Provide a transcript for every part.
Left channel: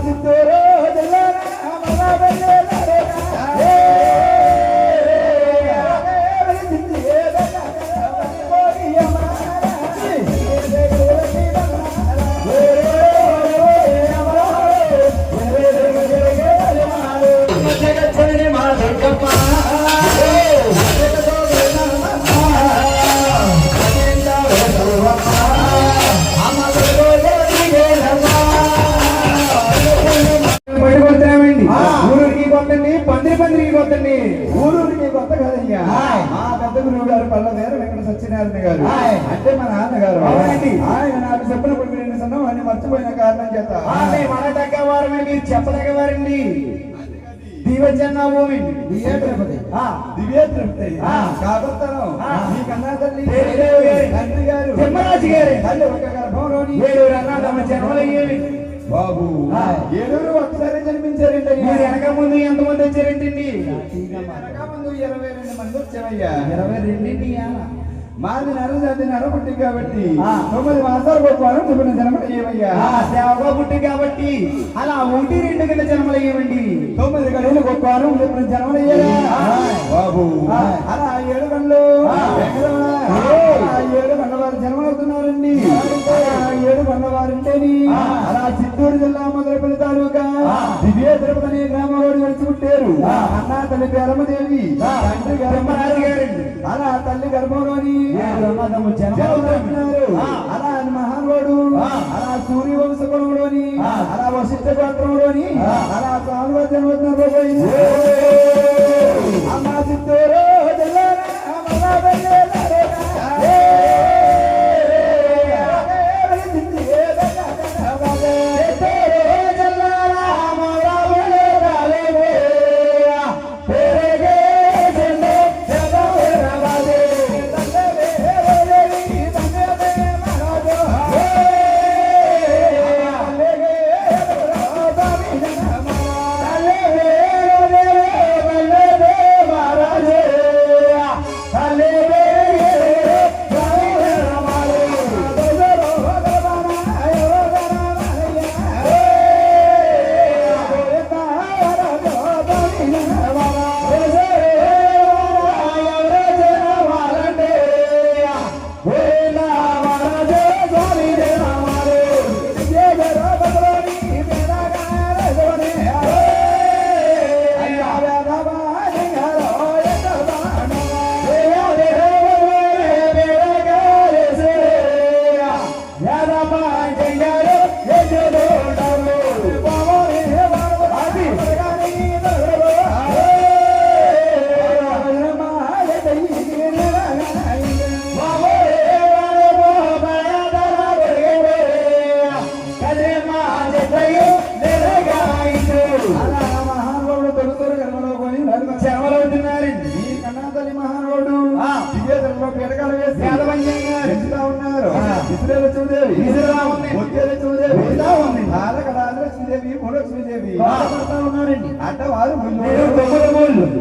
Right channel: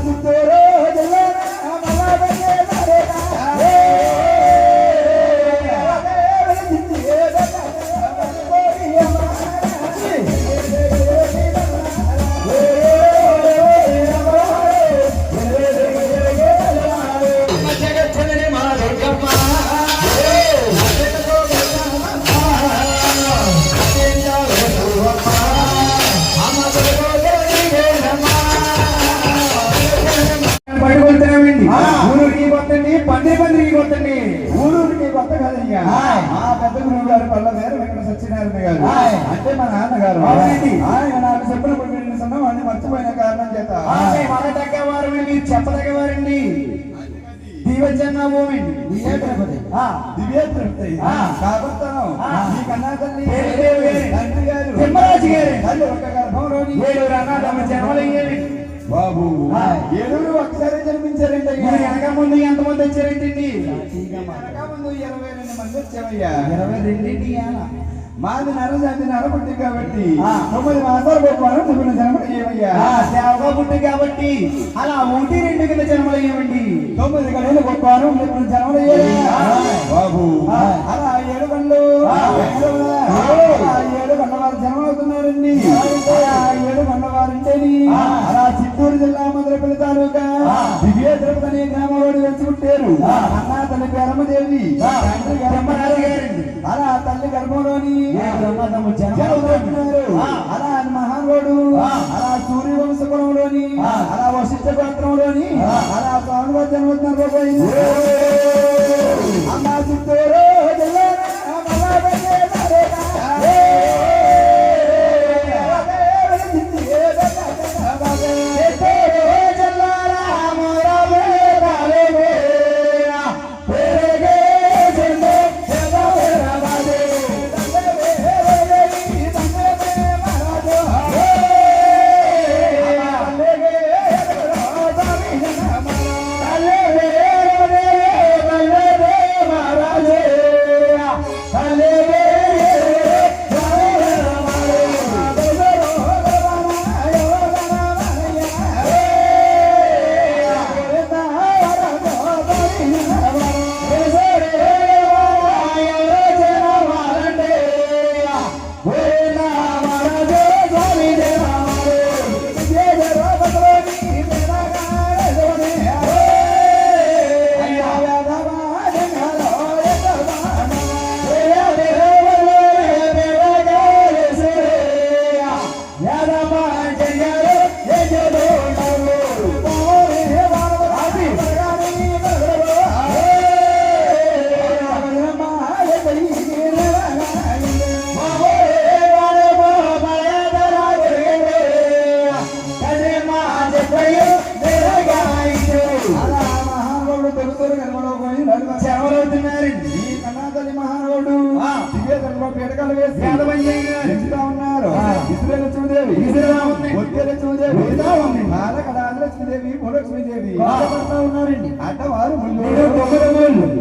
Quase estourou. అంటే మా నాన్నగారు అవునండి. ఆయన నాకు చెప్పినప్పుడు నేను సొన్నాం అని మర్చిపోయిన కారణం చేత మన తగ్గవారమే మీరు చెప్పదగ్గవారండి దీవచన్న ఓమిండి దివ్య తిరుపతి. దివ్య తిరుపతి ఆ. కాబోతాను ఆ. మీ కన్నా తల్లి పేరు గారి. తండ్రి గారు తిమ్మరాజు గారి. తల్లి ఒక గర్భంలోని ఏడు అన్నాడు జన్మలయ్యేవి బాబు. ఏడుగురు ఒకసారి జన్మించారండి మీరు వెనక ముందు ఎంతమంది వచ్చారేంటండి ముందు ఇరవై రెండు మంది వచ్చామయ్యా ఇరవై రెండింటి మాది నరజాతి నరపుట్టి కాబట్టి. తొమ్మిది మాసాలు గొప్పవారు చెప్పిన జన్మ ఏమయ్యా సేవగా పుట్టి కాబట్టి అలా ఒకటి రెండు కింద జన్మలయ్యేవండి తొమ్మిది గడువులు గొప్పవారు చెప్పిన జన్మ ఆ. తల్లి ఆ. తండ్రి గారండి. అలా తల్లి గర్భంలోని. అలా ఆ. అలా సూర్యవంశ ఆ. అలా వశిష్ఠ గోత్రంలోని. అలా స్వామివారి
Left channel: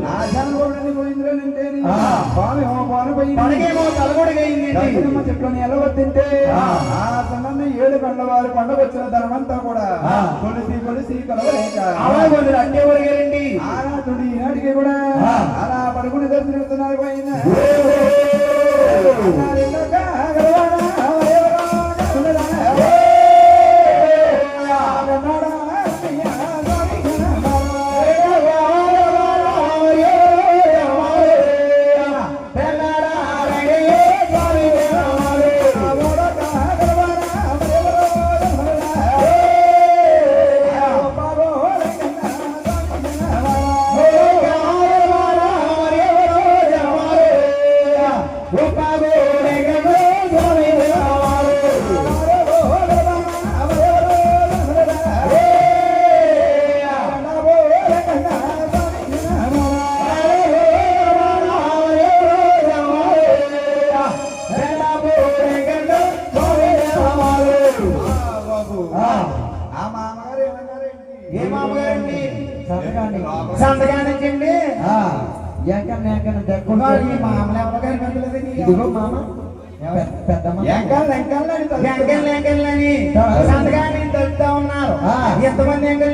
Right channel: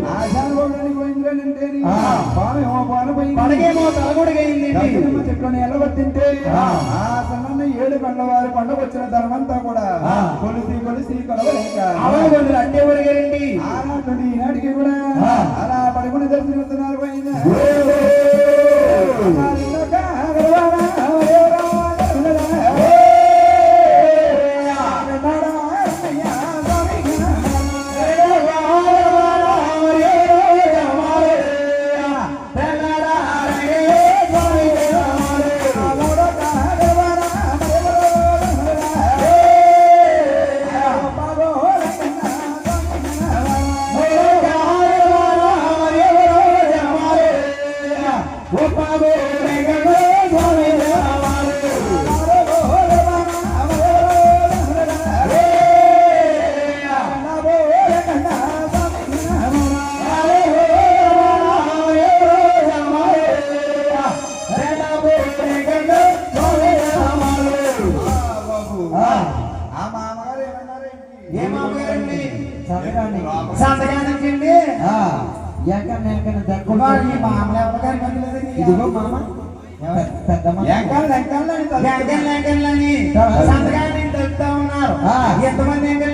మూళ్ళు ఆశానుభవుడని పోయింద్రనంటే ఆ. స్వామి హోమాను పోయింది మనకేమో తలగొడగైందండి దక్షిణమ్మ చెట్లని ఎల్లగొట్టింటే ఆ. ఆ సన్నని ఏడు గంటల వారి పండగొచ్చిన ధనమంతా కూడా. కొలిసి కొలిసి కలవలేక అలాగొండు అట్టే ini. Itu apa? ఎంతమంది ఎంకల్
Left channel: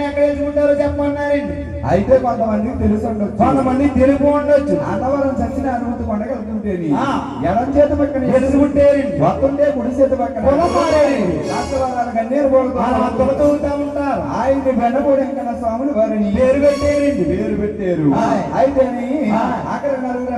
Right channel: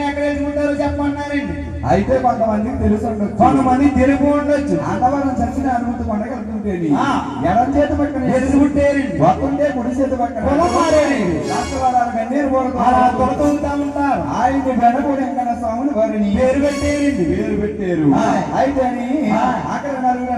ఎక్కడ వెళ్తుంటారో చెప్పమన్నారండి. అయితే కొంతమందికి తెలుసు కొంతమంది తెలుగు ఉండొచ్చు. అన్నవరం చచ్చిన అనుమతి పండగలుగుతుంటేని ఆ. ఎడం చేతి పక్కన ఎదుగుంటేరండి వస్తుంటే కుడి చేతి పక్కన ఉంటారు. ఆయన వెంకన్న స్వాములు వారిని పేరు పెట్టేయండి పేరు పెట్టారు. అయితే. అక్కడ నలుగురు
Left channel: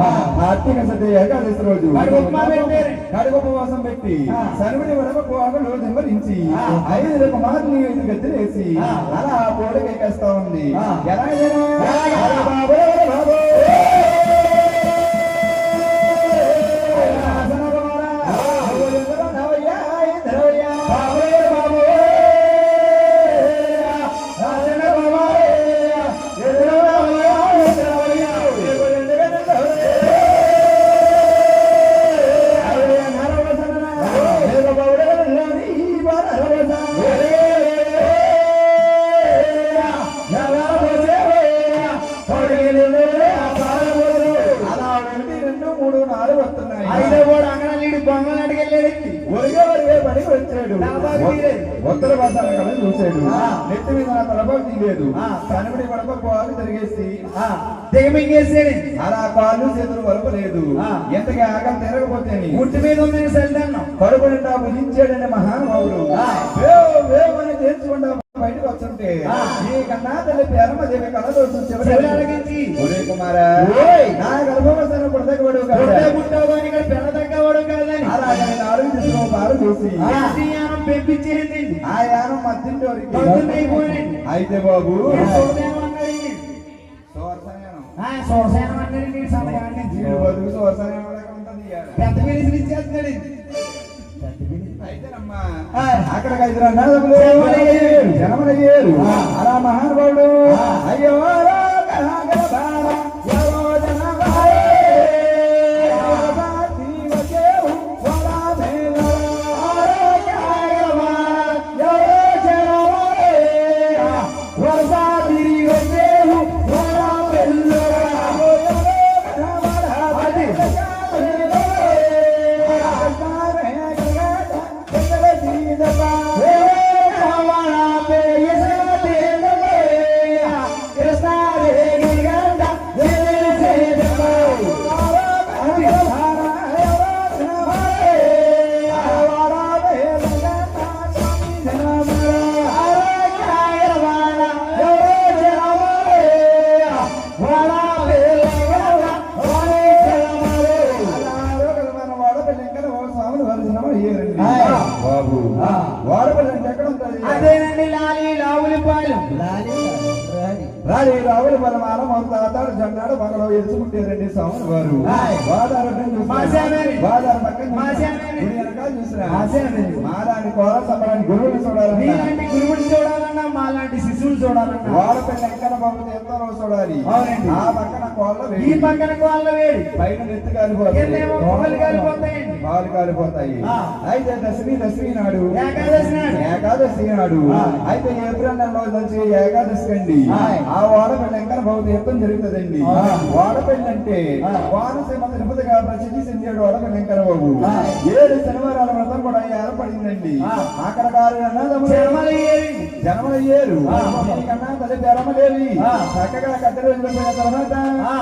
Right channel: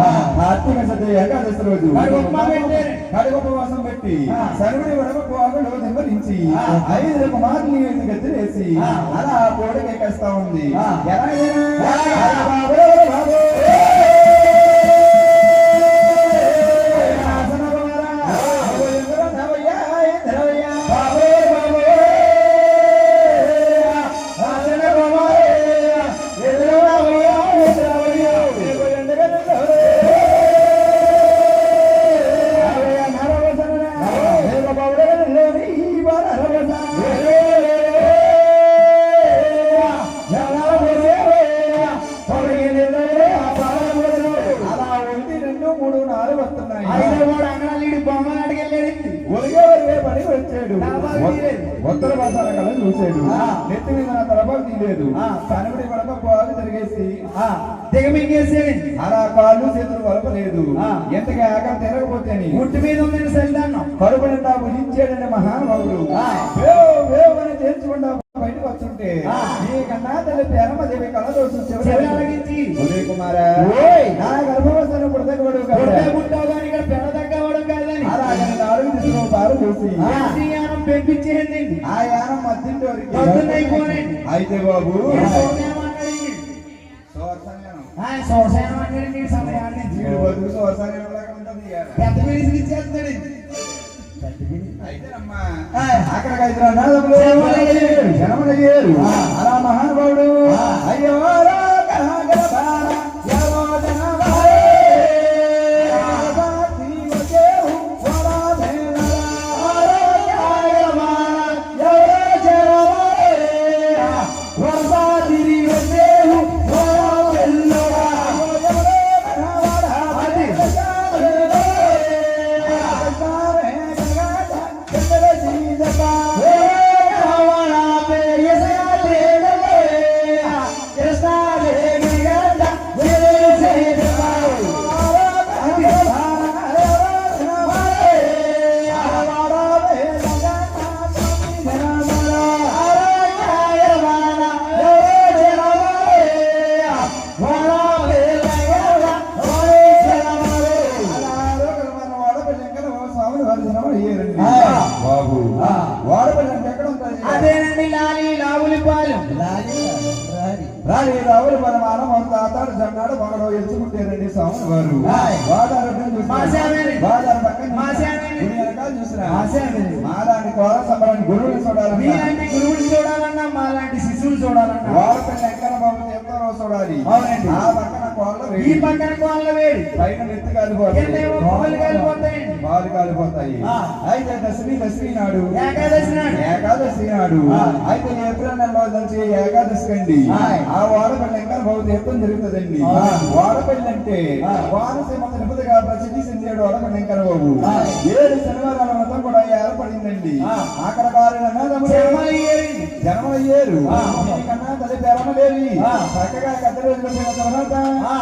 ఆ. కార్తీక సత్య ఏకాదశి రోజు ఉపవాసం పెట్టి. సరువుని దిమ్మరించి ఆ. ఐదు కుమారుని ఐదు గద్దెలేసి. అలా కోడికి ఎక్కేస్తా ఉంది? బాబో, బాబో. కళ చూశాడు ఆ. నెత్తి మీద ప్రభావం తీయలేదు. కనుబడి పడక జరిగేసి. దిగమింగేసాడండి అలా కాళ్ళు చేతులు ఆ. ఎంతగా ఆగం తిరగపోతేని ముట్టి మీద ఉందని సెల్దాన్నం కడుపు నిండా భుజించాడని మహానుభావుడు ఆ. వేవ్ వేవ్ అని తేల్చుకుంటా బయటకు ఆ. ఈ కన్నా తల్లి పేరమ్మదేవి కళ్ళ దోషం చెవి అడిగించి ఉదయ్ కుమారా. నా గర్భవసన పుట్టావు అని ఇక్కడ తగ్గవడం కాదని అలాగే పాలు చూసి అన్నదమ్ములు జనములయ్యారు. జనములయ్యారు. ఆ. అలా అదేనండి లాలి లావులి పాలెం. రాడి రావులు మన తాతాడు జన్నాడు మనలో ఎంచుకుంటే రెండు స్వాములు వారు. వాదారు. వాదారు పక్కన మాసామేని. గురువుని చూడాలన్నా మీలాంటి గురువుని చూడాలన్నా మాలాంటి ఎక్కడ బాబు ఎంతో రోజు చూడాలి అవునండి. ఆ పక్కన కోళ్ళ ఈ వేడి. పక్కన వాళ్ళ వేడి పైన నెత్తి కాలిపోతాయి కాలిపోతాయండి. అయితే దశమి దశమి నాడు ఏకాదశి నాడు. ఏకాదశి నాడు. అయితే నుంచి ఏకాదశి అండి. ఆ వాడపల్లి ఎంకన బాబు తీర్థం జరుగుతుందండి. వాడపల్లి అంటే. కోనసీమ తిరుపతిగా ప్రసిద్ధి చెందాడు వాడపల్లి ఎంకన బాబు. ఏడు శనివారాల ఏర్పడిందండి ఆ. అక్కడ. జన్మలయ్యారు ఆ. కన్నా తల్లి పేరమలేవి ఆ. చక్కగా కట్టెలు పోయిన తర్వాత ఆ.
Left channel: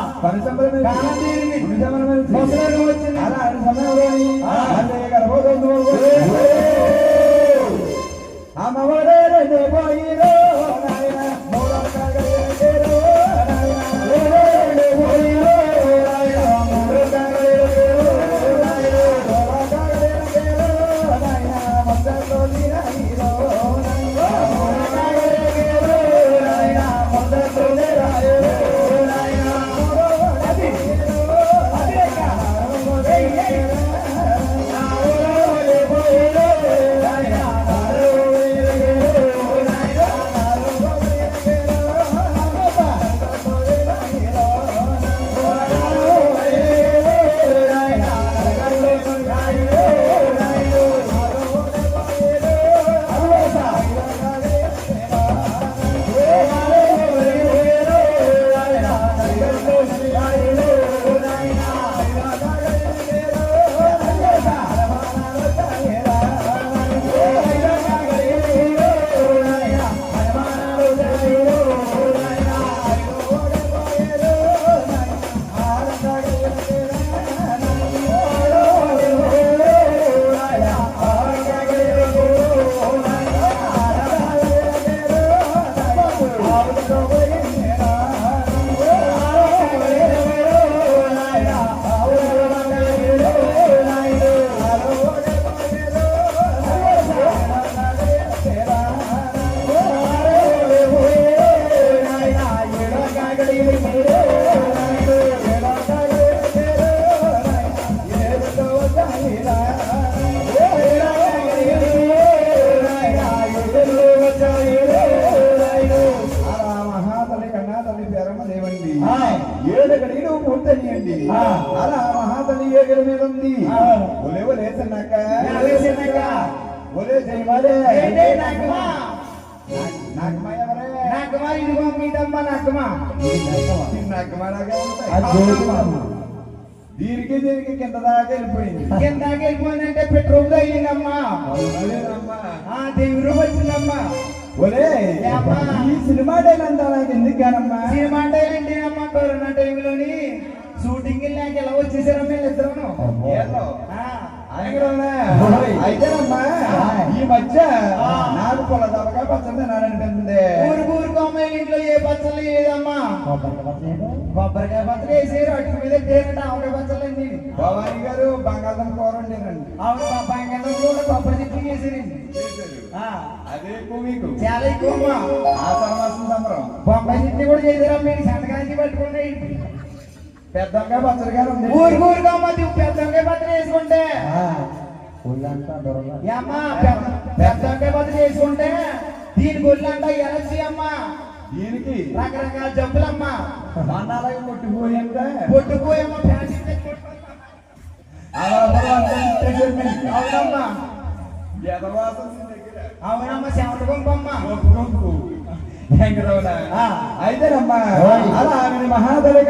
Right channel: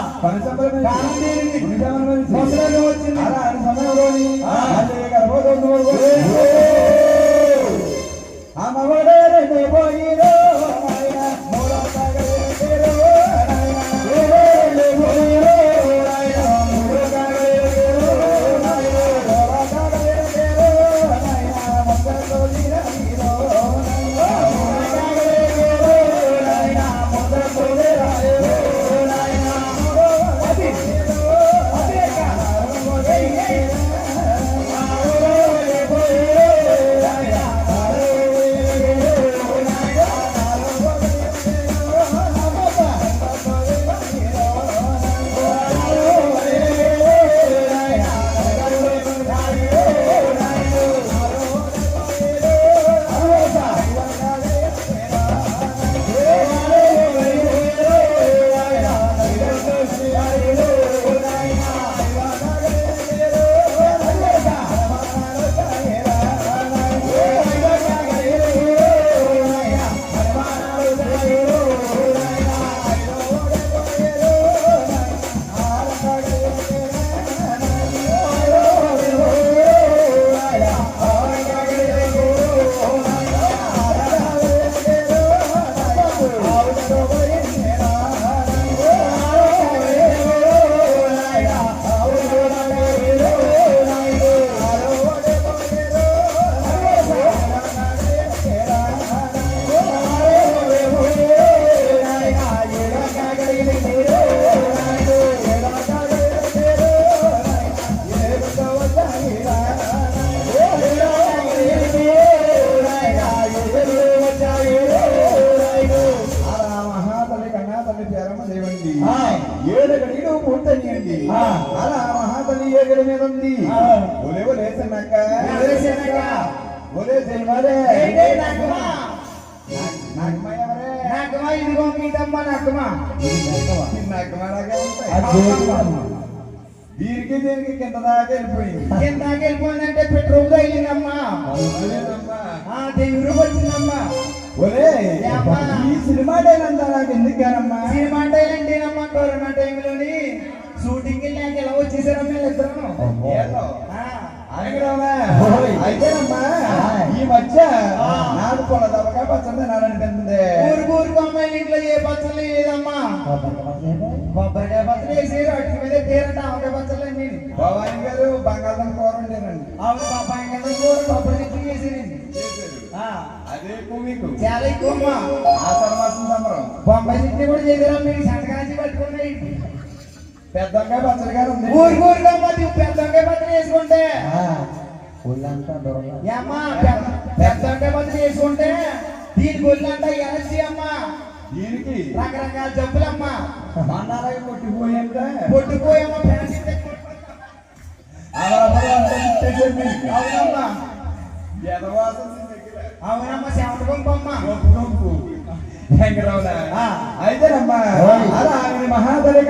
దీనికి దీనికి కింద దాకా వెళ్ళిపోయింది. కిందాకి వెళ్ళిపోయిందంటే పెట్రోల్ తగిలిందమ్మా. దేవుడు వచ్చిందమ్మా. ఏమ్మా? ఈ సినిమా డైలాగ్ నాకు ఎందుకు కానమ్మా సినిమా అంటే ఏంటి అమ్మా కరోనా టైంలోని షూటింగ్ వెళ్ళాక ఎలా వచ్చేసారమ్మా వీళ్ళిద్దరూ? ఏదో. అయితేనమ్మా ఈ మధ్య. నాకు పొల దవగా పచ్చడి తినాలనిపిస్తుంది. ఊరు ఊరికి అమ్మాయి ఇంట్లో ఏ పచ్చళ్ళు లేదమ్మా కొబ్బరికాయ పచ్చడి వేసి అటు మీద తేరంట ఆవకాయ పచ్చళ్ళు అన్ని భవాని గారు బంగాళదుంప కూర వండారండి ఆవిడ కదా కూడా కొబ్బరి వేసేనండి ఆ, అదే ఎక్కువ మీకు చాలా ఎక్కువ ఆషాఢ మాసం సంబరం బొంబాయి చెట్టు కూడా చేసారా మీరు సంతకాంచి పెట్టుకున్నాయి పెద్దంగా పచ్చడి గారు ఉంది పచ్చడి వేసుకుంటే ఒళ్ళంతా దొరగా ఏమ్మా పెద్ద పెద్దకాయ పచ్చడి వేసుకుంటే దీని గొల్లంతా ఎలర్జీ అమ్మా దీనికి రకరకాల జబ్బులమ్మా. మన్నాలకి కొట్టిపోయింటే పొట్టుకోయమ్మ ఫ్యాన్సీ. అవునమ్మా. అవునమ్మా చెమట పంపమ్మ. అయితేనమ్మా. ఓయ్. అలా ఆమె మహాదలి